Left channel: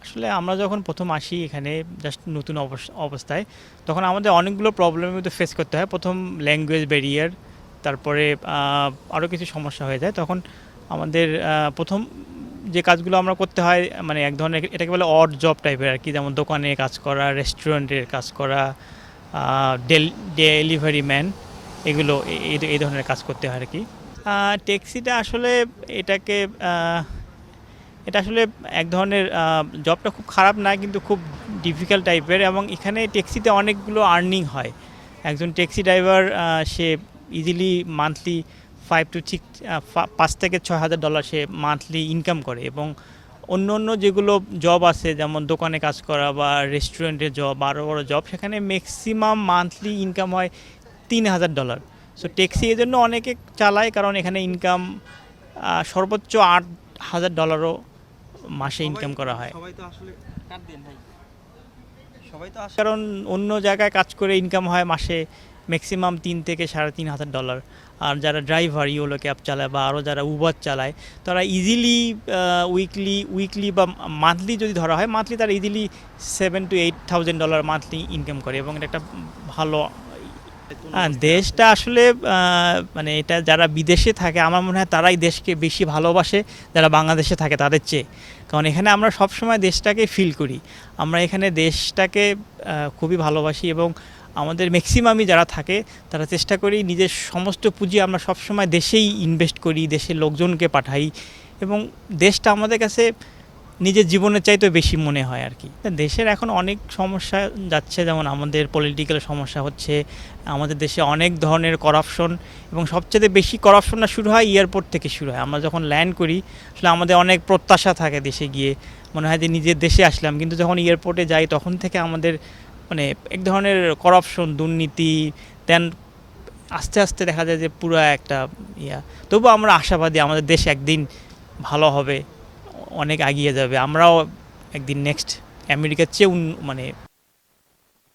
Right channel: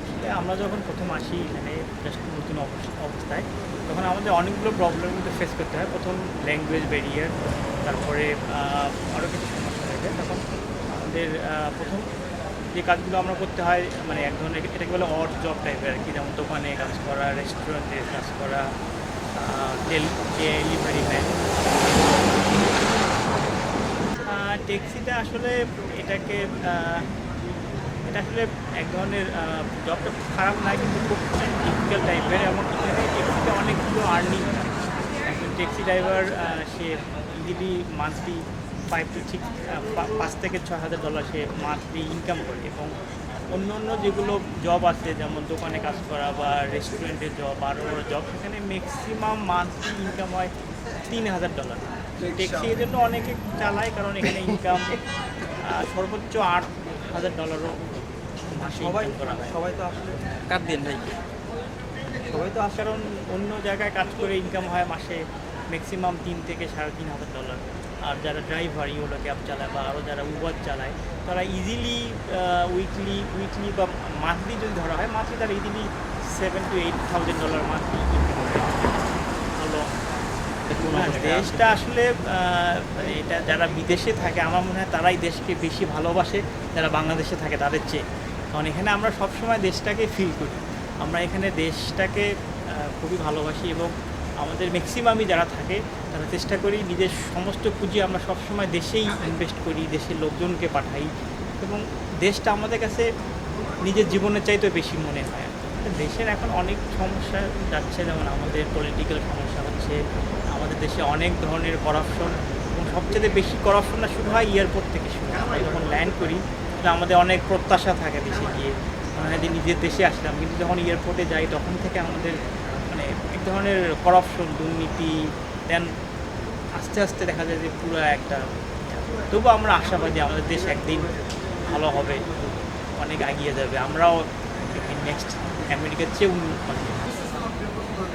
আসলে আমরা যখন প্রথম আসি এখানে জাস্ট নতুন অবস- অবস্থায়, তখন আমাদের অনেকগুলো প্রবলেমের মধ্যে ফেস করতে হয়। প্রথম ল্যাঙ্গুয়েজ ব্যারিয়ার তারপরে আরও কিছু সমস্যা হয়ে যায়। তখন আমাদের প্রথম যে কাজগুলো আমরা করতে হয় মানে এক ধরনের এটাকে বলে অড জব টাইপের আর কি। যেমন দোকানে কাজ করা রেস্টুরেন্টের কাজ করা ডেলিভারি ম্যান এগুলো এই ধরনের কাজ করতে হয় আর কি। ট্যাক্সিটা আসলে এটাকে এটা আসলে এক ধরনের জবটা খুব খারাপ না কিন্তু খুব ডিফিকাল্ট টাইপের এবং এখানে ট্যাক্সিতে অনেকগুলো আর্নিং হয়। একজন taxi driver say easily monthly five to six পাঁচ থেকে ছয় হাজার ডলার সে মান্থলি ইনকাম করে এবং অন্য অন্য যেগুলো জব আছে, যেমন দোকানে কাজ করা বা রেস্টুরেন্টের জব বড় বড়ো জব সেখানে ম্যাক্সিমাম মান্থলি ইনকাম হয় তিন হাজার ডলার সো ট্যাক্সি এই জন্য অনেকে চালায় কারণ এখানে ইনকাম সর্বোচ্চ আট হাজার ডলারও মাসে ইনকাম করা হয়। সবাই তো আসলে কাট দেন ভাই সবাই তো আসলে কারণ অন্য জায়গায় কাজ করে ইনকাম হয় মাসে ম্যাক্সিমাম তিন থেকে সাড়ে তিন হাজার ডলার আর যারা ড্রাইভার ইউলো ক্যাব চালায় বা আরও যারা উবার চালায় তারা ইজিলি উইকলি উইকলি বা মান্থলি যদি ধরা হয় মান্থলি তারা easily seven to eight thousand dollar monthly income করে এবং এটা ভালো দেশটা আসলে মানে এটা যারা বিদেশে থাকে আমার মনে হয় তারাই দেশকে বেশি ভালোবাসে যারা বাংলাদেশে থাকে তাদের চেয়ে। কারণ এখানে আমরা সবসময় দেশটাকে ফিল করি। আমরা এখানে দেশটাকে খুবই ভালোবাসি এবং আমাদের ম্যাক্সিমামই যারা থাকে তারা চেষ্টা করি নিজের সমস্ত পুঁজি আমরা সবসময় দেশেই ইনভেস্ট করি দেশের লোকজনকে পাঠাই এবং দেশটা আমাদের কাছে নিজের জীবনের চাইতে বেশি মনে হয় আর কি। দেশের এখন অনেক সমস্যা যাচ্ছে, যেমন আমাদের পলিটিক্যাল সমস্যা হচ্ছে, আমাদের দেশে অনেক ধরনের করাপশন এবং সবচেয়ে বেশি করাপশনটা শুরু হয় এয়ারপোর্ট থেকে শুরু হয়। আমরা যখন ল্যান্ড করি, আসলে আমাদের অনেক প্রত্যাশা থাকে দেশে গিয়ে। মনে হয় যে নিজের দেশে আসলাম, কিন্তু যখন এয়ারপোর্টে যাই, তখন থেকে আমাদের মানে এক ধরনের করাপশন দুর্নীতি দেন আস্তে আস্তে দেখা যায় যে পুরো একটা ইয়া। তবু আমরা আশাবাদী আমাদের দেশ একদিন ভালো হবে, অনেক এগিয়ে যাবে। আমরাও একদিন নেক্সট আমেরিকার চেয়ে মানে